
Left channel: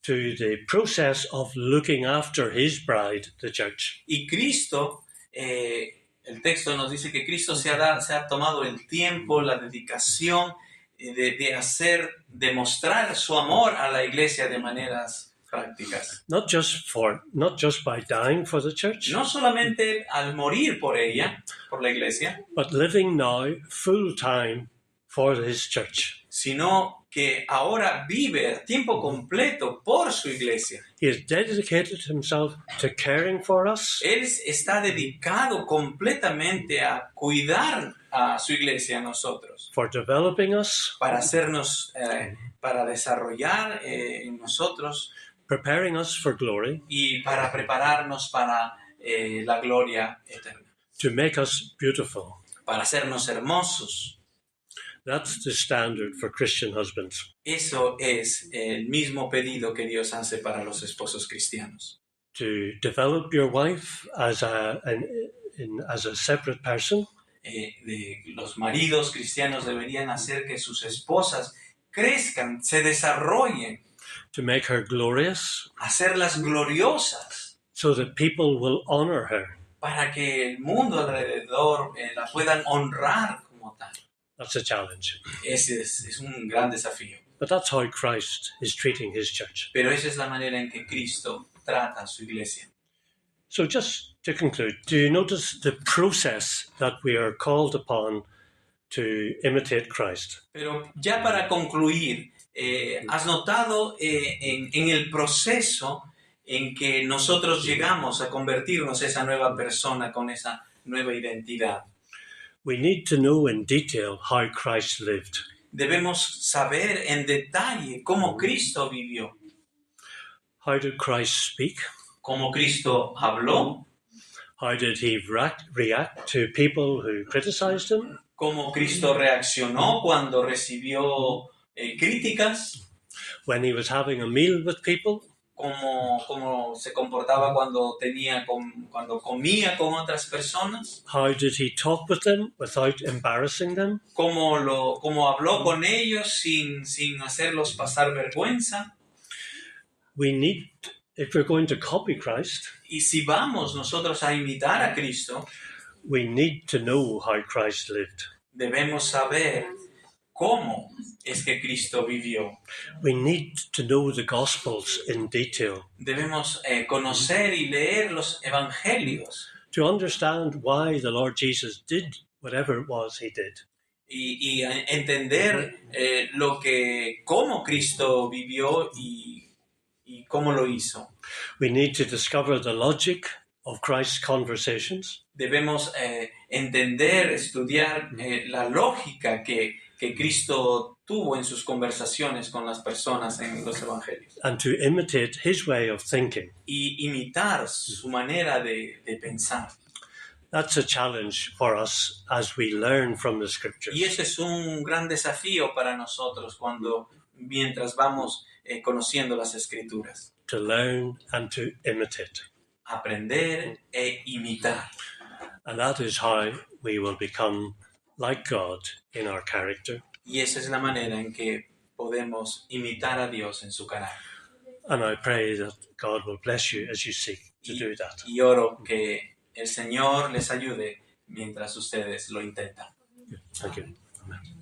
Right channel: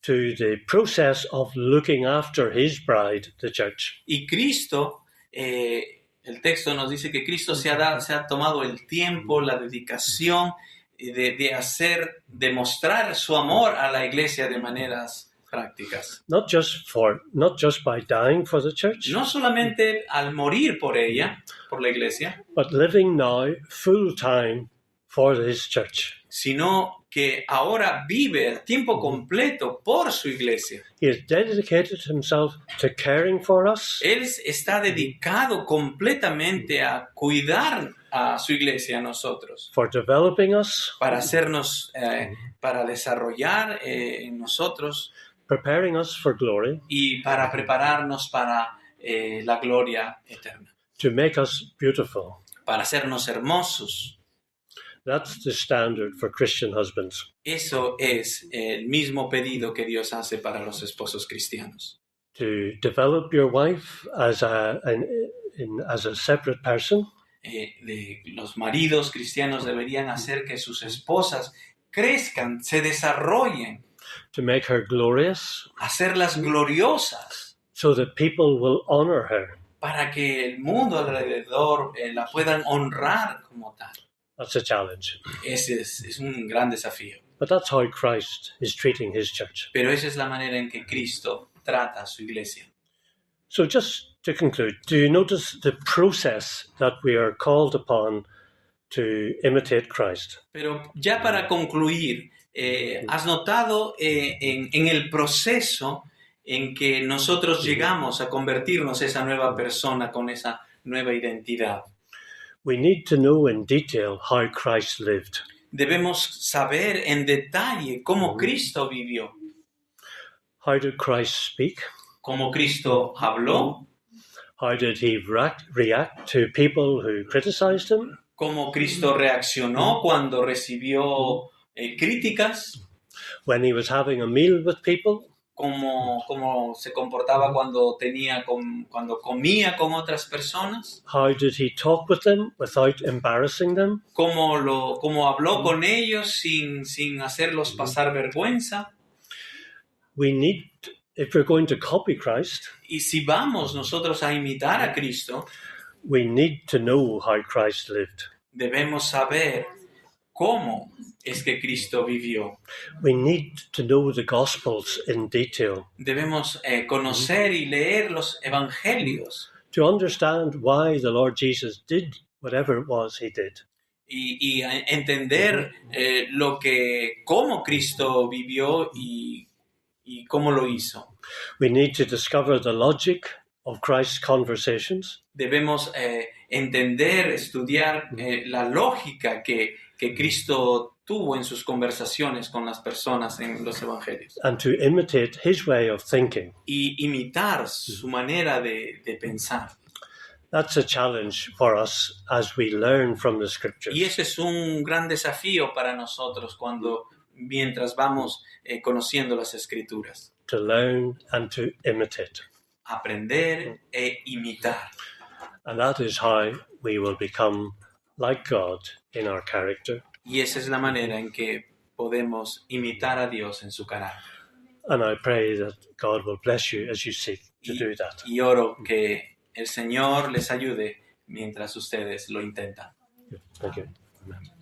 to the process of looking after his bride, the church. Y Cristo, el texto nos dice que Cristo se ha tomado el tiempo, la dedicación de mostrar su amor a la iglesia de maneras prácticas. Not just by dying for the church, No solamente al morir por ella, por la iglesia, but living now full time for his church. sino que ahora vive a tiempo completo por su iglesia. He has dedicated himself to caring for us, Él está dedicado completamente a cuidar a su iglesia, a nosotros, for developing us, para hacernos, para desarrollar en nosotros preparing us for glory, y para prepararnos para la gloria eterna, to make us beautiful. para hacernos hermosos. That's the standard for Christian husbands. Eso es el mismo pedido que Dios hace para los esposos cristianos. To develop your wife as a separate person, Los maridos cristianos deberían hacer que sus esposas crezcan, se desarrollen, to make her glorious, hacerlas gloriosas, so that people will honor her. para que el mundo alrededor la puedan honrar como tal. That's a challenge. Ese es un gran desafío. But that's how Christ is treating his church. Pero esa es la manera en que Cristo trata a su iglesia. So just to conclude, do you notice the process that we are called upon to imitate Christ? Pero ya para concluir, ¿has notado en el proceso en que nosotros llegamos a convertirnos esa nueva persona con esa nueva identidad? We need to know in detail how Christ lived. Debemos saber en detalle cómo Cristo vivió, How did Christ speak? cómo Cristo habló, How did he react to people who criticized him? cómo Cristo reaccionó cuando recibió críticas, When he was having a meal with people? cómo se comportaba cuando comía con otras personas, How did he talk with them without embarrassing them? cómo habló con ellos sin hacerlos pasar vergüenza. We need, if we're going to copy Christ, Y si vamos nosotros a imitar a Cristo, we need to know how Christ lived. debemos saber cómo es que Cristo vivió. We need to know the Gospels in detail Debemos conocer y leer los evangelios to understand why the Lord Jesus did whatever it was he did. y entender cómo Cristo vivió y cómo lo hizo. We need to discover the logic of Christ's conversations. Debemos entender, estudiar la lógica que Cristo tuvo en sus conversaciones con las personas en los evangelios And to imitate his way of thinking. y imitar su manera de pensar. that's a challenge for us as we learn from the scriptures. Y ese es un gran desafío para nosotros mientras vamos conociendo las escrituras. To learn and to imitate. Aprender e imitar. And that is how we will become like God in our character. Y esa es la manera en que podemos imitar a Dios en su carácter. And I pray that God will bless you as you seek to do that. Y oro que el Señor les ayude mientras ustedes lo intentan. Thank you. Amén.